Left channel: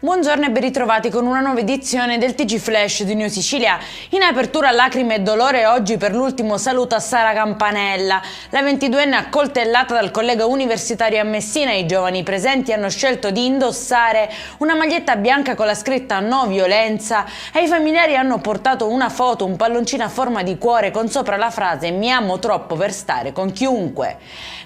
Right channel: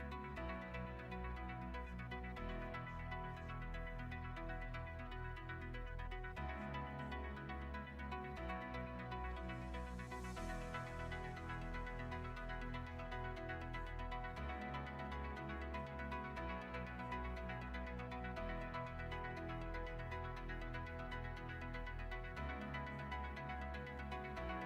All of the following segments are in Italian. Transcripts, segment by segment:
Buongiorno e ben ritrovati con una nuova edizione del TG Flash di New Sicilia. In apertura lacrime e dolore oggi per l'ultimo saluto a Sara Campanella. La 22enne accoltellata dal collega universitario a Messina. I giovani presenti hanno scelto di indossare una maglietta bianca con la scritta "No violenza". Ai familiari hanno portato una foto, un palloncino a forma di cuore con sopra la frase "Mi amo troppo per stare con chiunque".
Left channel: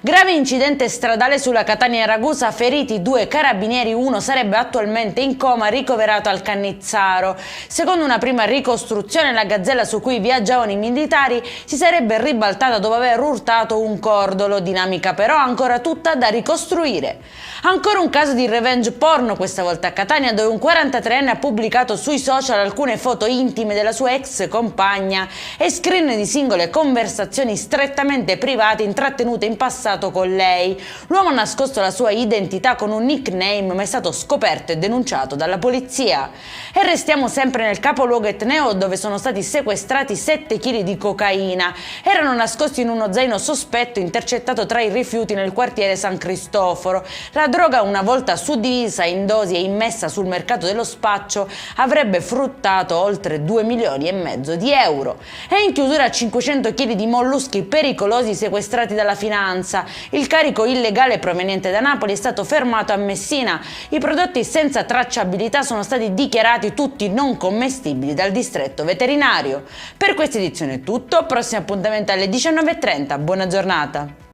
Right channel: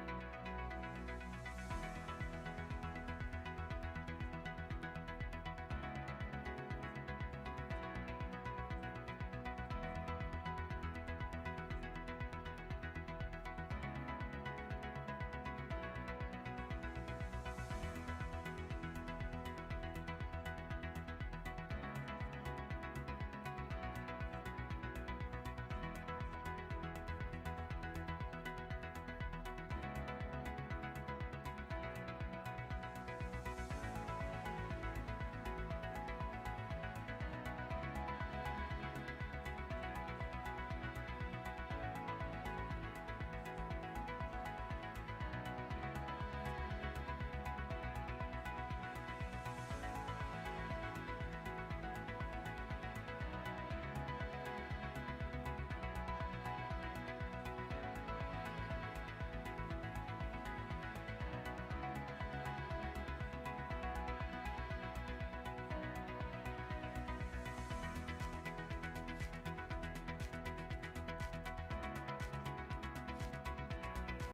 Grave incidente stradale sulla Catania-Ragusa, feriti 2 carabinieri, uno sarebbe attualmente in coma, ricoverato al Cannizzaro. Secondo una prima ricostruzione, la gazzella su cui viaggiavano i militari si sarebbe ribaltata dopo aver urtato un cordolo, dinamica però ancora tutta da ricostruire. Ancora un caso di revenge porno, questa volta a Catania, dove un 43enne ha pubblicato sui social alcune foto intime della sua ex compagna e screen di singole conversazioni strettamente private intrattenute in passato con lei. L'uomo ha nascosto la sua identità con un nickname, ma è stato scoperto e denunciato dalla polizia. E restiamo sempre nel capoluogo etneo, dove sono stati sequestrati 7 kg di cocaina. Erano nascosti in uno zaino sospetto intercettato tra i rifiuti nel quartiere San Cristoforo. La droga, una volta suddivisa in dosi e immessa sul mercato dello spaccio, avrebbe fruttato oltre 2,5 milioni di euro. E in chiusura 500 kg di molluschi pericolosi sequestrati dalla finanza. Il carico illegale proveniente da Napoli è stato fermato a Messina. I prodotti senza tracciabilità sono stati dichiarati tutti non commestibili dal distretto veterinario. Per questa edizione è tutto, prossimo appuntamento alle 19:30, buona giornata!